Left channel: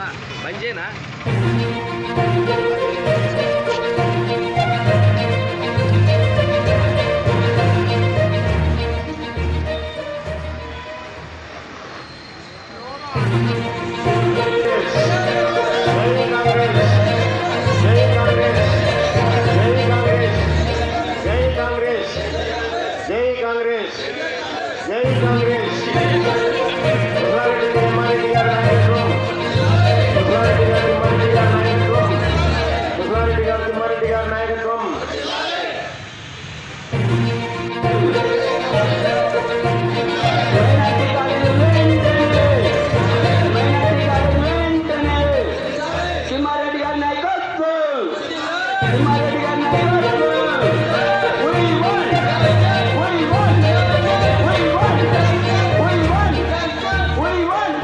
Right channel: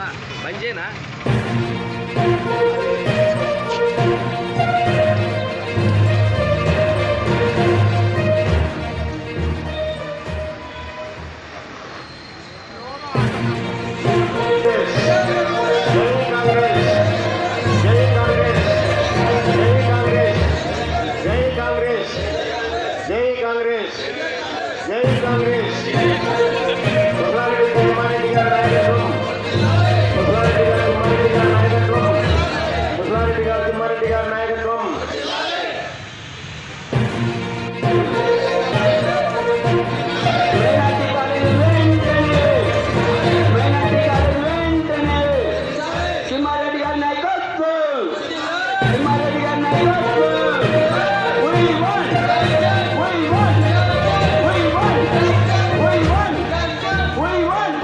కదా బంద్ जय कांग्रेस जय कांग्रेस। తిమ్మారెడ్డి గారి నాయకత్వం We won! We won! We won!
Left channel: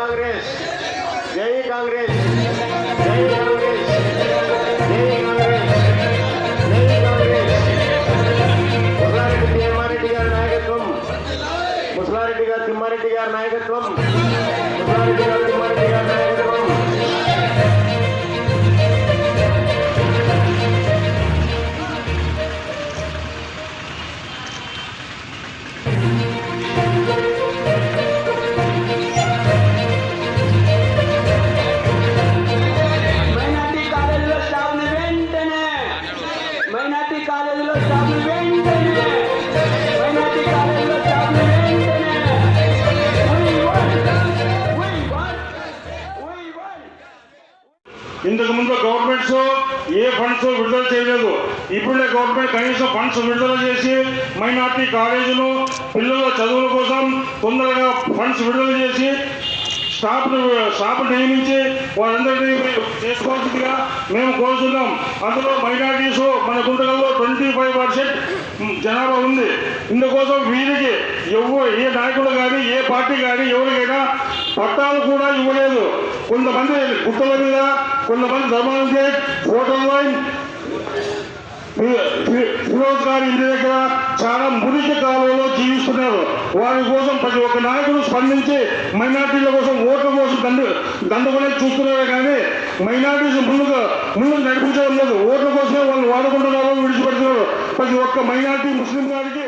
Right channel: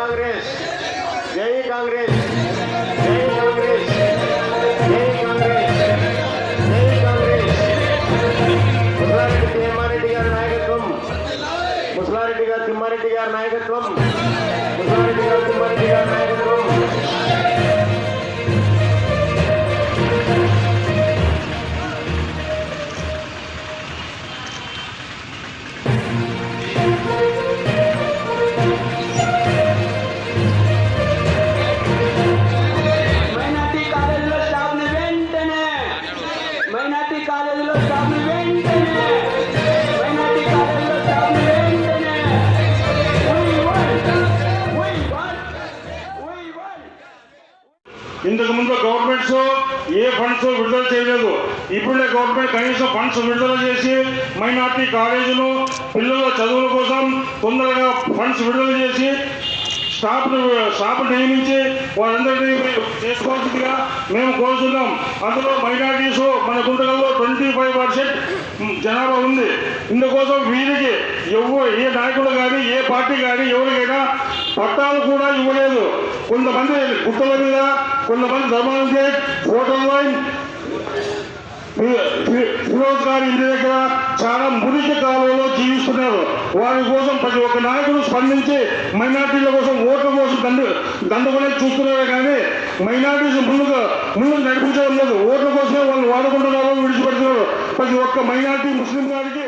జై కాంగ్రెస్ జై కాంగ్రెస్ జై కాంగ్రెస్ జై కాంగ్రెస్ జై కాంగ్రెస్ ముసలారెడ్డి తిమ్మారెడ్డి గారి నాయకత్వం ముసలారెడ్డి గారు తిమ్మారెడ్డి గారి నాయకత్వం ముసలారెడ్డి గారు తిమ్మారెడ్డి గారి ఇంతకు ముందు గవర్నమెంట్స్ ఏ ఫండ్స్ విడుదల చేయలేదు. ఇప్పుడే గవర్నమెంట్ కనీసం ఫండ్స్ విడుదల చేసి మైనార్టీ కాలేజీలు పిల్లల చదువుల కోసం తొందరగా ఫండ్స్ విడుదల చేసి స్టాఫ్ స్టాఫ్ నియమించి వారందరినీ చేసుకోవాల్సిందిగా మేము కోరుతున్నాం అందులో మైనార్టీస్ మన గుంటకల్లో ట్వంటీ ఫైవ్ పర్సెంట్ జనాభా ఉంది. ఇందుకోసం వీరికి ఎవ్వ ఏ నాయకుడు కానీ ఏ పార్టీ కానీ ఎవరికైనా పట్టాలు కూడా ఇవ్వలేదు. కొంతమంది గుట్టల మీద కొంతమంది ధర్మానం గేట్ హోటల్ లైన్ ఫిరోజ్ గారి ఇంటి దగ్గర చాలా మురికి కాలంలో జీవిస్తున్నారు. వారి కోసం ప్రతి ఒక్క నాయకుడు స్పందించి మైనార్టీల కోసం ఓట్ల కోసం దండు దండుకునే చూస్తున్నారు కానీ మైనార్టీస్ ముందుగా ముందు నడిపించడం లేదు. ఓట్ల కోసమే వాళ్ళు వాడుకుంటున్నారు విడిచిపెడుతున్నారు. ప్రతి ఒక్క మైనార్టీ ముస్లిం గారికి